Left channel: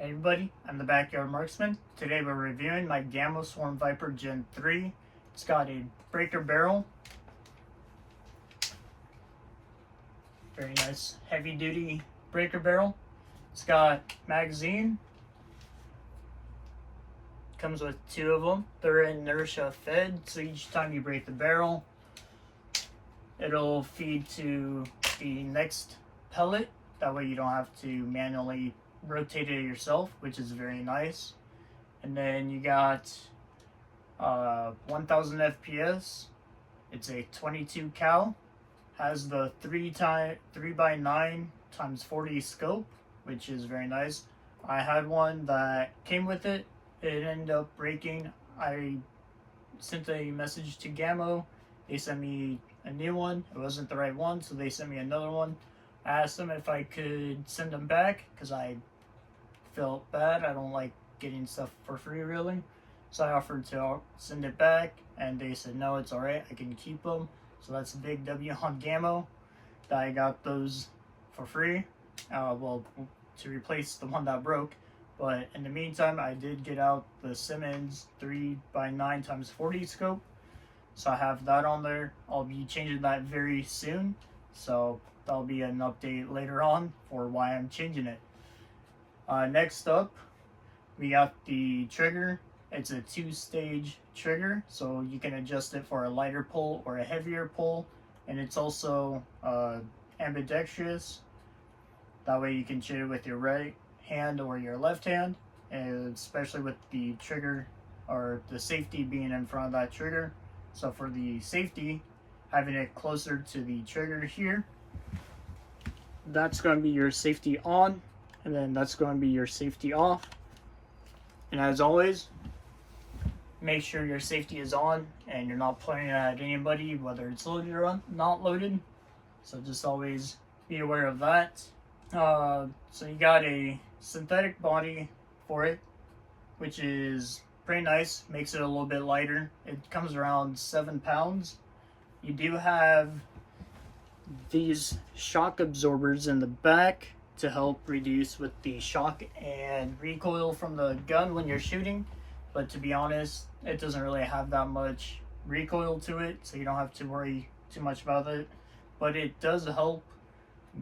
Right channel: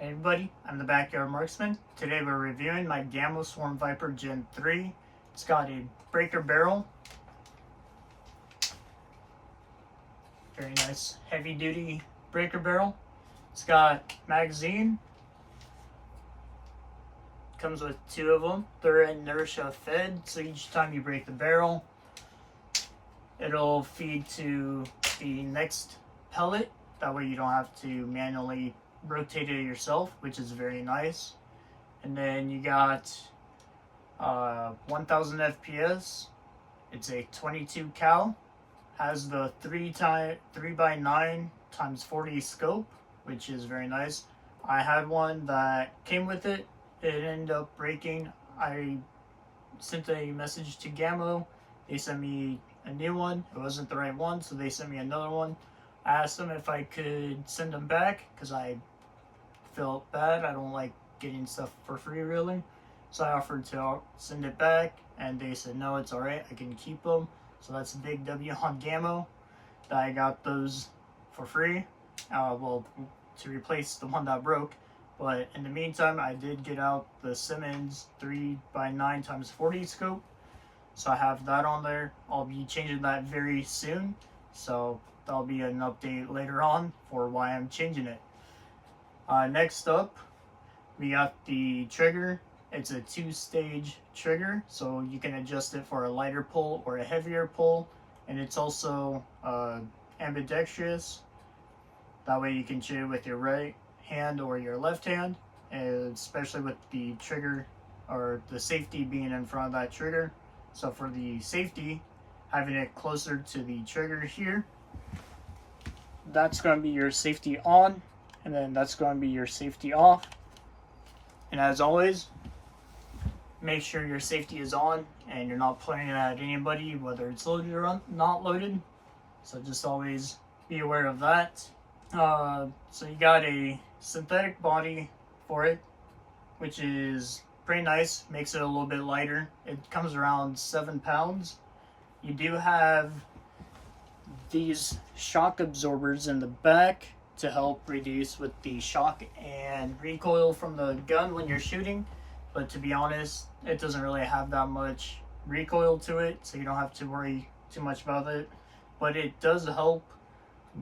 Hey everybody, I'm the Backyard Marksman. Today we're reviewing my Gamo Swarm Viper Gen 3. It's got a breaker barrel. Very nice heavy duty breaker barrel. It's got magazine. Comes with two of them. They're inertia fed, so each time you break the barrel, it'll feed to the next pellet. That way you don't have to manually rotate it yourself, which is very nice. And then you got 1000 FPS. It's a 22 cal. Has the 3x9 times 40 scope, which is very nice. I had one that came with it. It ended up breaking. I sent a message to Gamo. They sent me a new one. It wasn't the right one, so they sent me another one. I asked them if I could send them back because I felt bad. I don't like getting stuff for free, really. So I offered to send it back, and they said no, it's alright, I can keep them. So that's a big W on Gamo that I got those for free. Well, to replace the one that broke. But in the meantime, I did get out the Simmons 3x9 times 40 scope. So I have that on there. I'll be changing that very soon. So that'll be an update later on for why I'm changing it. Next up, we got the trigger. It's a 2-stage trigger, so you can adjust it for a lighter pull or a heavier pull. And it's also ambidextrous. That way you can shoot it with your right hand or your left hand, and especially with the trigger or the safety being in front of that trigger. So for the safety, having it closer to the trigger here, that's going to be your safety on, and then that's going to be your safety off. And as always, make sure your safety is on and you're not pointing it at anybody, whether it's loaded or not loaded. So just always be aware of that. So you got a synthetic body for it, which is pretty nice. Makes it a little bit lighter. It comes around 7 pounds. You do have these shock absorbers in the back to help reduce with the shock and recoil from the gun when you're shooting. But to be honest, it doesn't really have that much recoil to it, so you don't have to worry too much about it. But it does help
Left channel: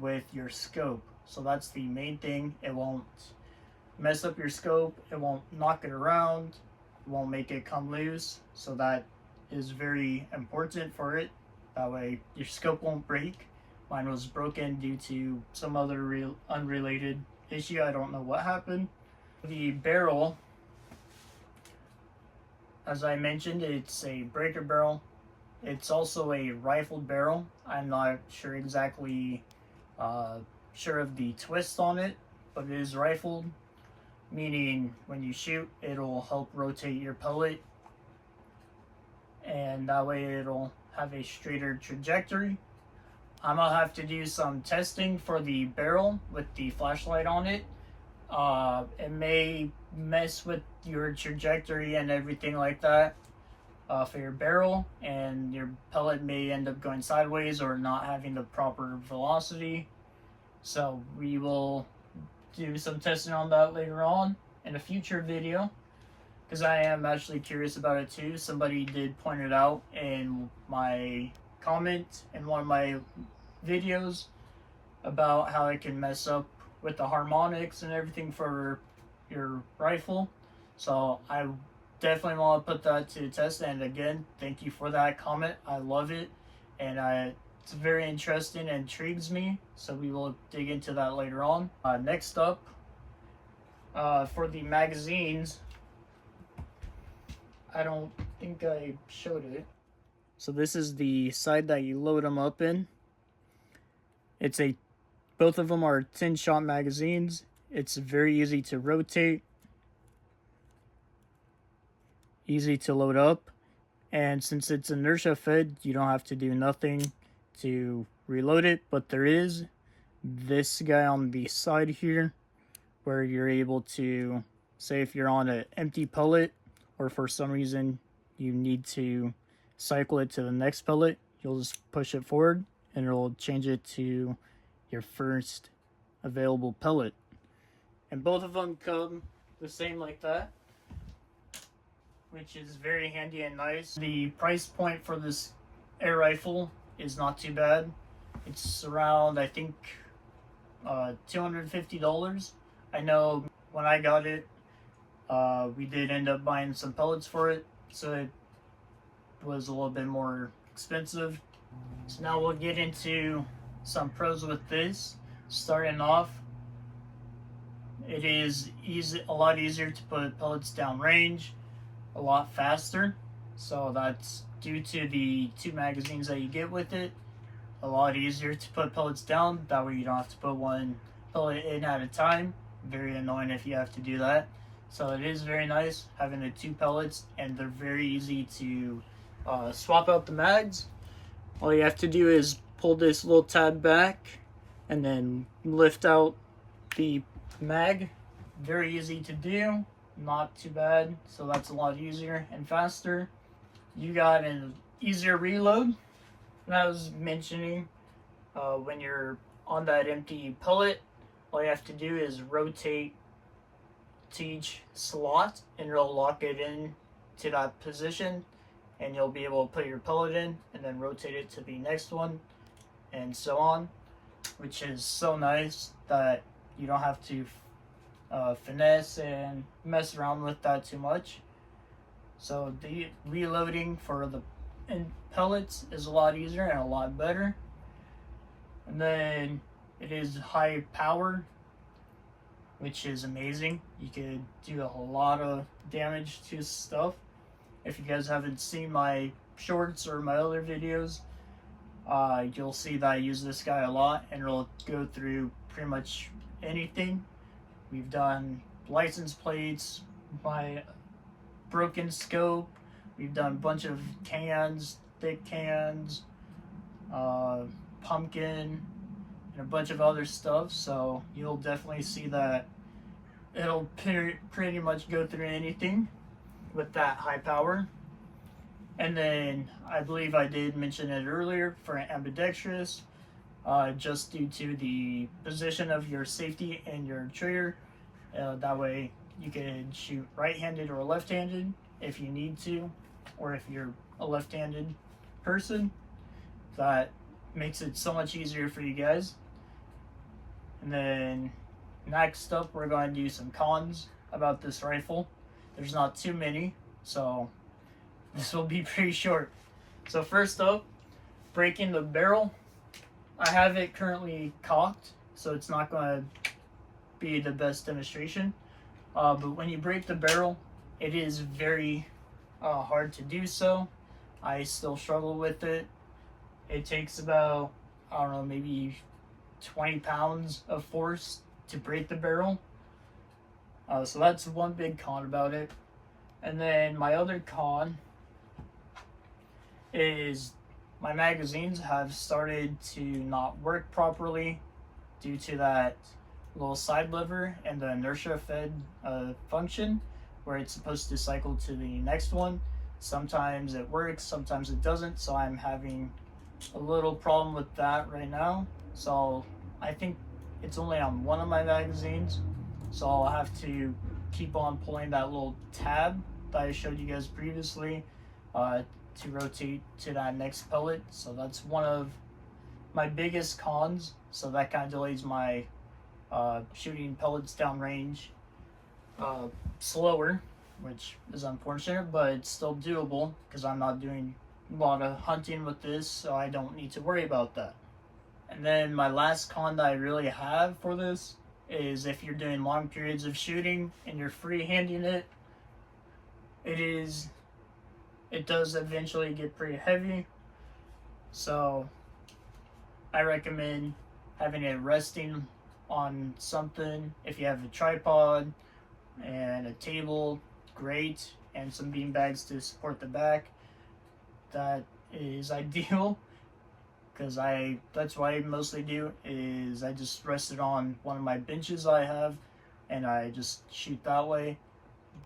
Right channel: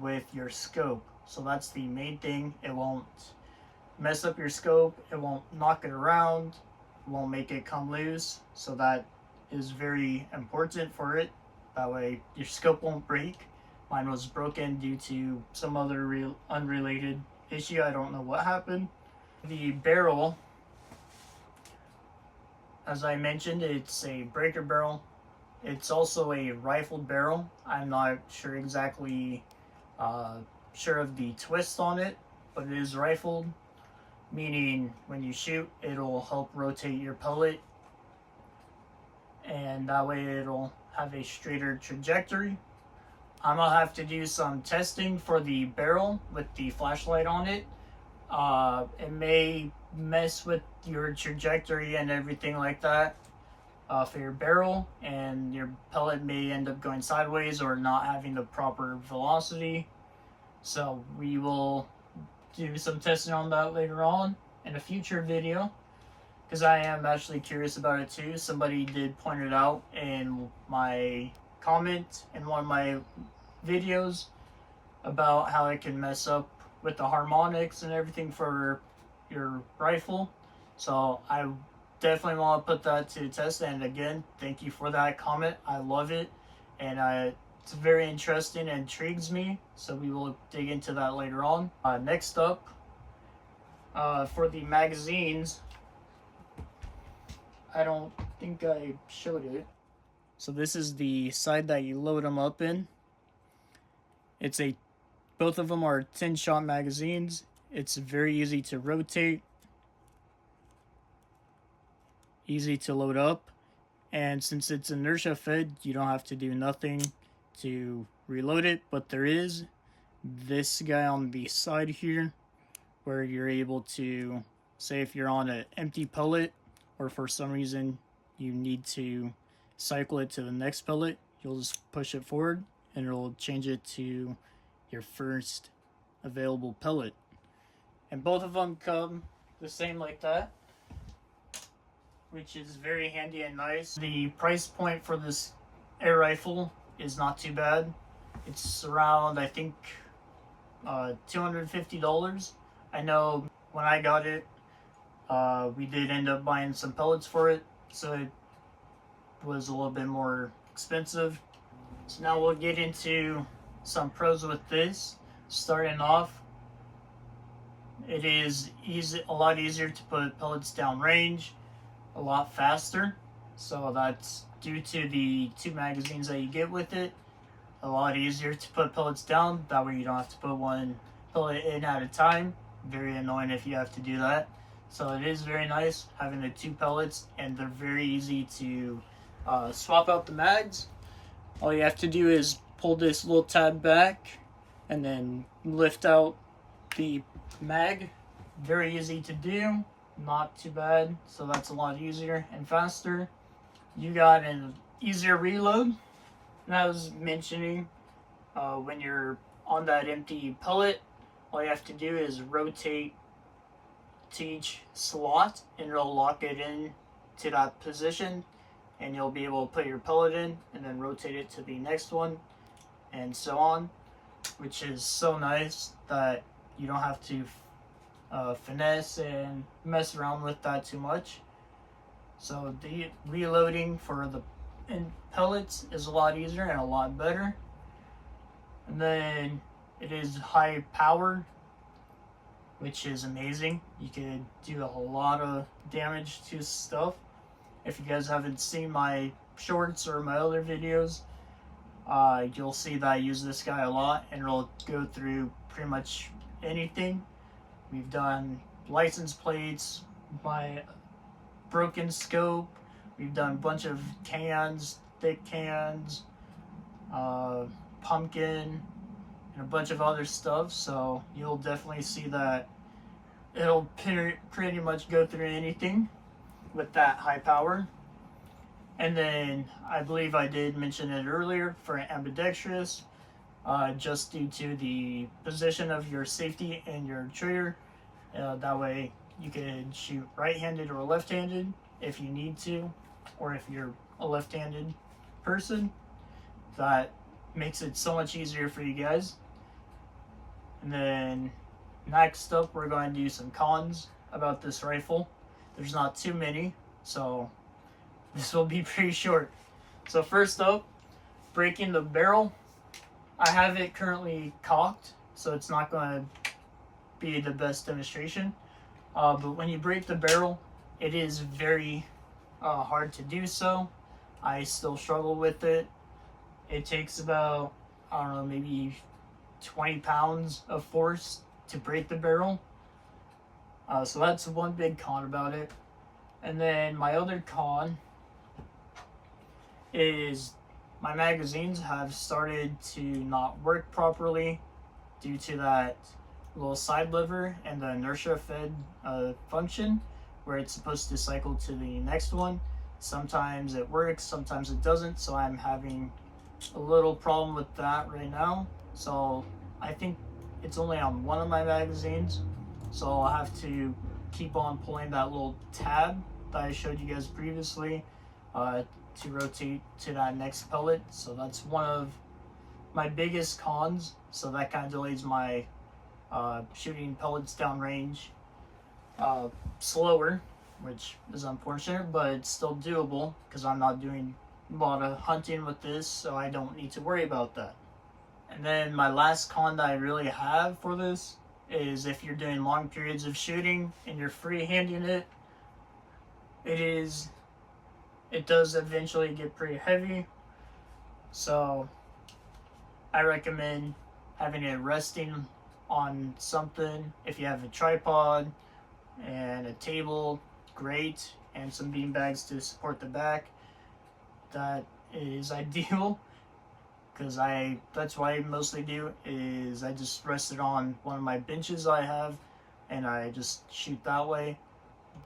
with your scope, so that's the main thing. It won't mess up your scope, it won't knock it around, it won't make it come loose, so that is very important for it. That way your scope won't break. Mine was broken due to some other unrelated issue. I don't know what happened. The barrel, as I mentioned, it's a breaker barrel. It's also a rifled barrel. I'm not sure exactly sure of the twist on it, but it is rifled, meaning when you shoot, it'll help rotate your pellet, and that way it'll have a straighter trajectory. I'm gonna have to do some testing for the barrel with the flashlight on it. It may mess with your trajectory and everything like that for your barrel, and your pellet may end up going sideways or not having the proper velocity. So we will do some testing on that later on in a future video, because I am actually curious about it too. Somebody did point it out in my comment in one of my videos about how it can mess up with the harmonics and everything for your rifle. So I definitely want to put that to test. And again, thank you for that comment. I love it, and it's very interesting and intrigues me. So we will dig into that later on. Next up, for the magazines, I don't think I showed it. So this is the side that you load them up in. Both of them are 10-shot magazines. It's very easy to rotate, easy to load up, and since it's inertia fed, you don't have to do nothing to reload it. But there is this guy on the side here where you're able to, say if you're on an empty pellet or for some reason you need to cycle it to the next pellet, you'll just push it forward and it'll change it to your first available pellet. and both of them come the same like that, which is very handy and nice. The price point for this air rifle is not too bad. It's around, I think, $250. I know when I got it, we did end up buying some pellets for it, so it was a little bit more expensive. So now we'll get into some pros with this. Starting off, it is a lot easier to put pellets down range, a lot faster. So that's due to the 2 magazines that you get with it. A lot easier to put pellets down. That way you don't have to put one pellet in at a time. Very annoying if you have to do that. So it is very nice having the 2 pellets, and they're very easy to swap out the mags. All you have to do is pull this little tab back and then lift out the mag. Very easy to do, not too bad. So that's a lot easier and faster. You got an easier reload. And I was mentioning, when you're on that empty pellet, all you have to do is rotate to each slot and it'll lock it in to that position, and you'll be able to put your pellet in and then rotate it to the next one and so on, which is so nice that you don't have to finesse and mess around with that too much. So the reloading for the pellets is a lot easier and a lot better. And then it is high power, which is amazing. You could do a whole lot of damage to stuff. If you guys haven't seen my shorts or my other videos, you'll see that I use this guy a lot, and it'll go through pretty much anything. We've done license plates, my broken scope, we've done a bunch of cans, thick cans, pumpkin, and a bunch of other stuff. So you'll definitely see that it'll pretty much go through anything with that high power. And then I believe I did mention it earlier for ambidextrous, just due to the position of your safety and your trigger. That way you can shoot right-handed or left-handed if you need to, or if you're a left-handed person. That makes it so much easier for you guys. And then next up, we're going to do some cons about this rifle. There's not too many, so this will be pretty short. So first up, breaking the barrel. I have it currently cocked, so it's not going to be the best demonstration. But when you break the barrel, it is very hard to do so. I still struggle with it. It takes about, I don't know, maybe 20 pounds of force to break the barrel. So that's one big con about it. And then my other con is my magazines have started to not work properly due to that little side lever and the inertia fed function where it's supposed to cycle to the next one. Sometimes it works, sometimes it doesn't, so I'm having a little problem with that right now. So I think it's only on one of my magazines, so I'll have to keep on pulling that little tab that I showed you guys previously to rotate to that next pellet. So that's one of my biggest cons, so that kind of delays my shooting pellets downrange slower, which is unfortunate, but it's still doable because I'm not doing a lot of hunting with this, so I don't need to worry about that. And then my last con that I really have for this is if you're doing long periods of shooting and you're free-handing it, it does eventually get pretty heavy. So I recommend having it resting on something. If you have a tripod and a table, great, and some bean bags to support the back, that is ideal. Because that's what I mostly do, is I just rest it on one of my benches I have, and I just shoot that way.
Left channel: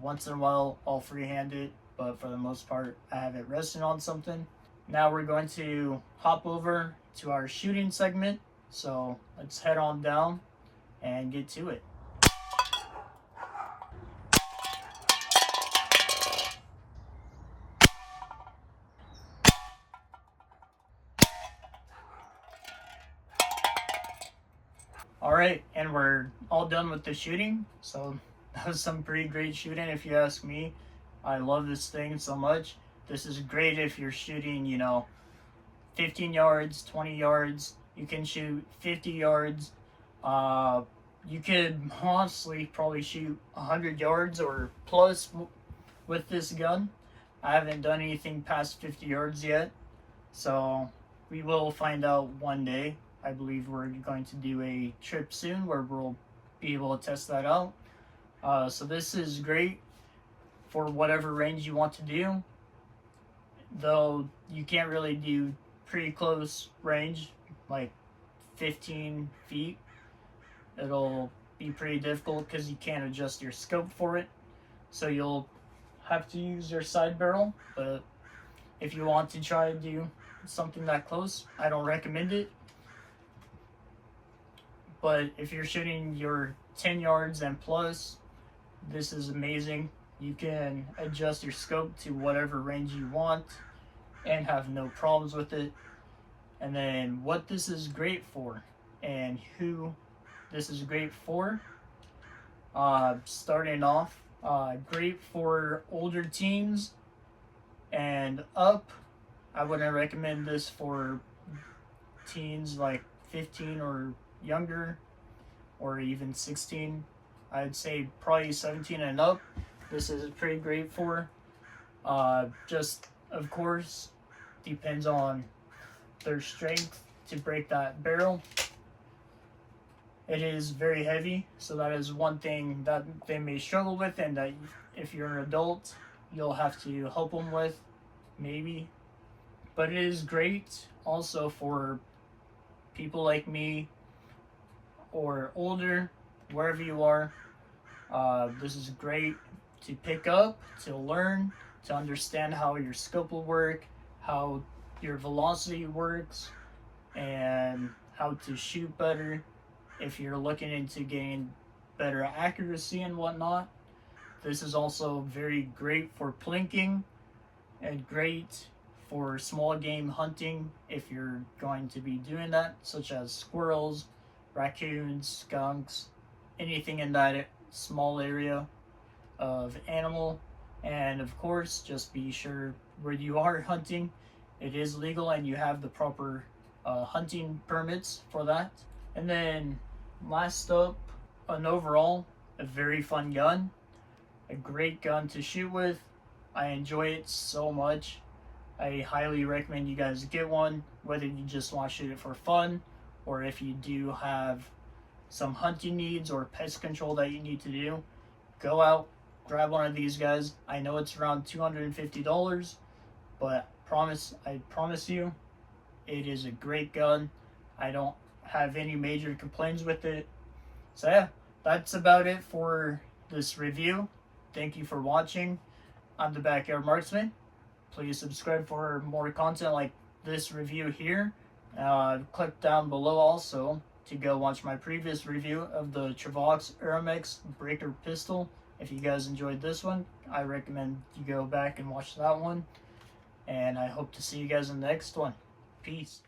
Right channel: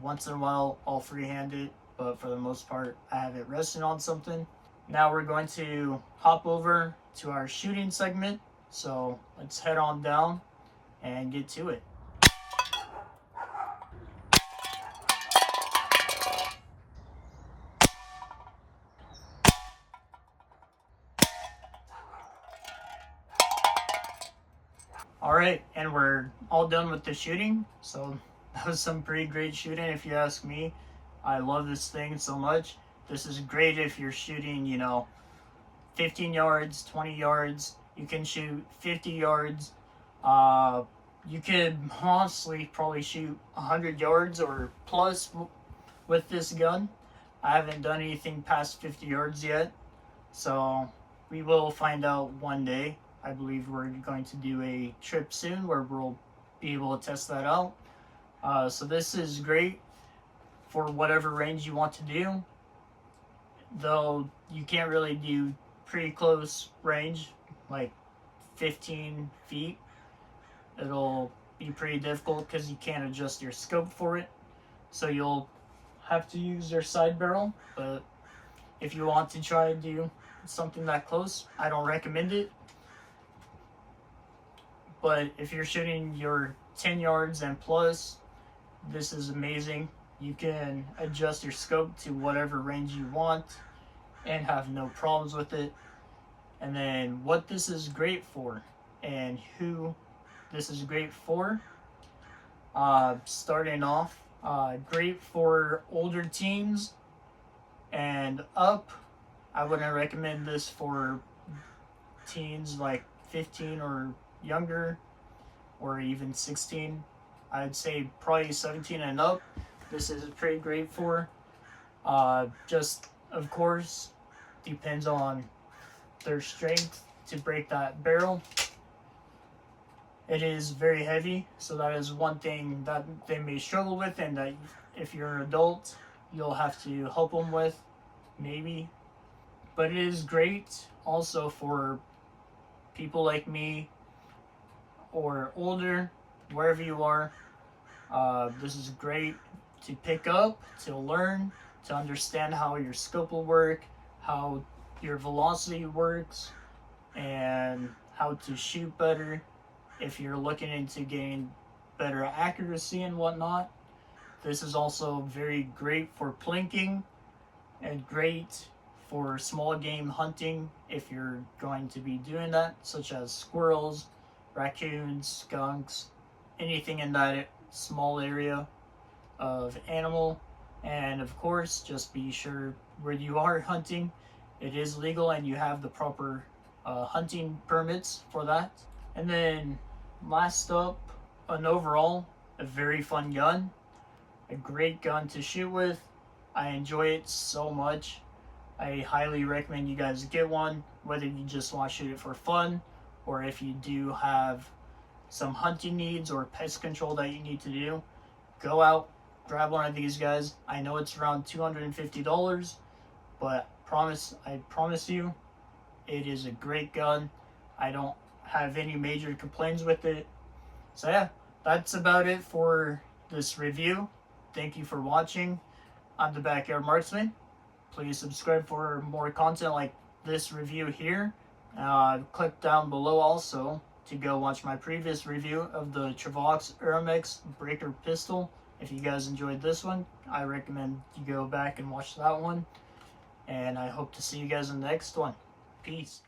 Once in a while, I'll freehand it, but for the most part, I have it resting on something. Now we're going to hop over to our shooting segment, so let's head on down and get to it. we're all done with the shooting. So that was some pretty great shooting, if you ask me. I love this thing so much. This is great if you're shooting, 15 yards, 20 yards. You can shoot 50 yards. You could honestly probably shoot 100 yards or plus with this gun. I haven't done anything past 50 yards yet, so we will find out one day. I believe we're going to do a trip soon where we'll be able to test that out. So this is great for whatever range you want to do, though you can't really do pretty close range, like 15 feet. It'll be pretty difficult because you can't adjust your scope for it, so you'll have to use your side barrel. But if you want to try to do something that close, I don't recommend it. But if you're shooting your 10 yards and plus, this is amazing. You can adjust your scope to whatever range you want and have no problems with it. And then what this is great for and who this is great for, starting off, great for older teens and up. I wouldn't recommend this for teens like 15 or younger, or even 16. I'd say probably 17 and up. This is pretty great for. Just, of course, depends on their strength to break that barrel. It is very heavy, so that is one thing that they may struggle with, and that if you're an adult, you'll have to help them with, maybe. But it is great also for people like me or older, wherever you are. This is great to pick up, to learn, to understand how your scope will work, how your velocity works, and how to shoot better if you're looking into getting better accuracy and whatnot. This is also very great for plinking and great for small game hunting if you're going to be doing that, such as squirrels, raccoons, skunks, anything in that small area of animal. And of course, just be sure where you are hunting, it is legal and you have the proper hunting permits for that. And then last up, an overall, a very fun gun, a great gun to shoot with. I enjoy it so much. I highly recommend you guys get one, whether you just want to shoot it for fun, or if you do have some hunting needs or pest control that you need to do, go out, grab one of these guys. I know it's around $250, but I promise you, it is a great gun. I don't have any major complaints with it. So yeah, that's about it for this review. Thank you for watching. I'm the Backyard Marksman. Please subscribe for more content like this review here. Click down below also to go watch my previous review of the Travox Aramex Breaker Pistol. If you guys enjoyed this one, I recommend you go back and watch that one. And I hope to see you guys in the next one. Peace.